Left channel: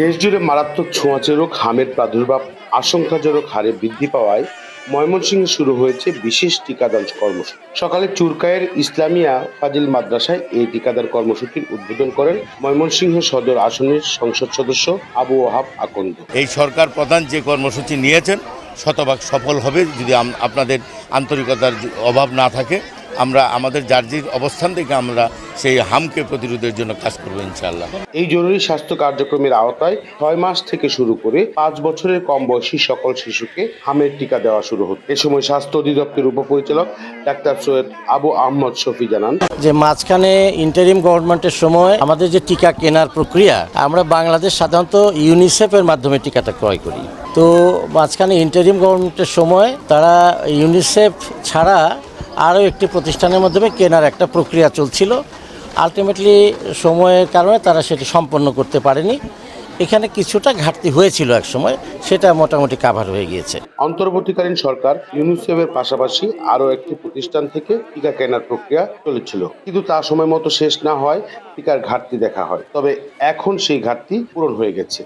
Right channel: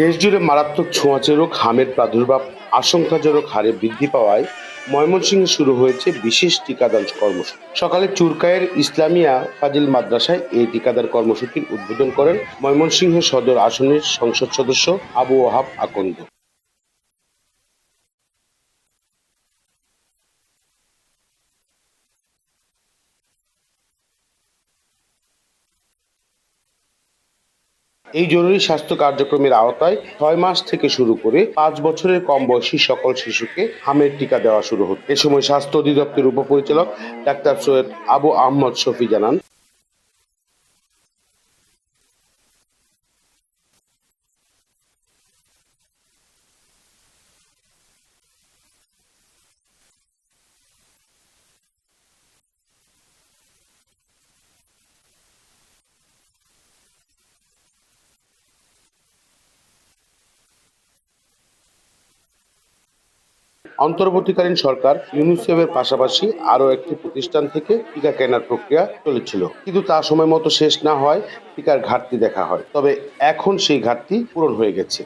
দেশজুড়ে মারাত্মক ছোঁয়াচে রোগ হামের প্রাদুর্ভাব আশঙ্কাজনক হারে বৃদ্ধি পাওয়ায় ময়মনসিংহে শুরু হয়েছে বিশেষ টিকাদান কর্মসূচি। সকালে চুরকায়ের ইসলামিয়া ফাজিল মাদ্রাসায় এই টিকাদান কর্মসূচির উদ্বোধন করেন ময়মনসিংহ সদর আসনের সংসদ সদস্য আবু ওহাব আকন্দ। এই সরকার প্রধান যে কর্মসূচি নিয়েছেন শতভাগ সফল হবে যদি আপনাদের আন্তরিকতার অভাব না থাকে। আমরা আমাদের যার অবস্থান থেকে আমরা সেই হামকে প্রতিরোধের জন্য কাজ করবো ইনশাআল্লাহ। এই জরুরি স্বাস্থ্য কার্যক্রমের আওতায় 6 মাস থেকে শুরু করে 5 বছরের কম বয়সী সকল শিশুকে হামের টিকা দেওয়া শুরু হচ্ছে। এ সময় স্বাস্থ্য অধিদপ্তরের উপপরিচালক ডাক্তার সৈয়দ আবু আহমদ শফি জানান যে মাঝখানে ইন্টারিম গভর্নমেন্টের সময় আমাদের যে টিকা কেনার প্রক্রিয়া আমরা বাংলাদেশ সাধারণত ইউনিসেফের মাধ্যমে টিকাটা ক্রয় করি। তো মাঝখানে ইন্টারিম গভর্নমেন্টের সময় তারা ইউনিসেফ ছাড়া আরও একটি প্রতিষ্ঠানের মাধ্যমে কেনার একটা প্রক্রিয়া চলছিল। আলটিমেটলি সময়ের কারণে তারা সেটি সম্পন্ন করতে পারেনি। এখানে কিছুটা ঘাটতি হয়েছিল এক সময়, সেটা মোটামুটি কাভার হয়ে গিয়েছে। অন্তর্বর্তীকালীন সরকার ইউনিসেফের পাশাপাশি আরও একটি প্রতিষ্ঠান থেকে টিকা কেনার প্রক্রিয়া চলেছিল, কিন্তু তা সময় মতো শেষ না হয় টিকার ঘাটতি দেখা হয়। তবে এখন সেই ঘাটতি পূরণ হয়ে গেছে।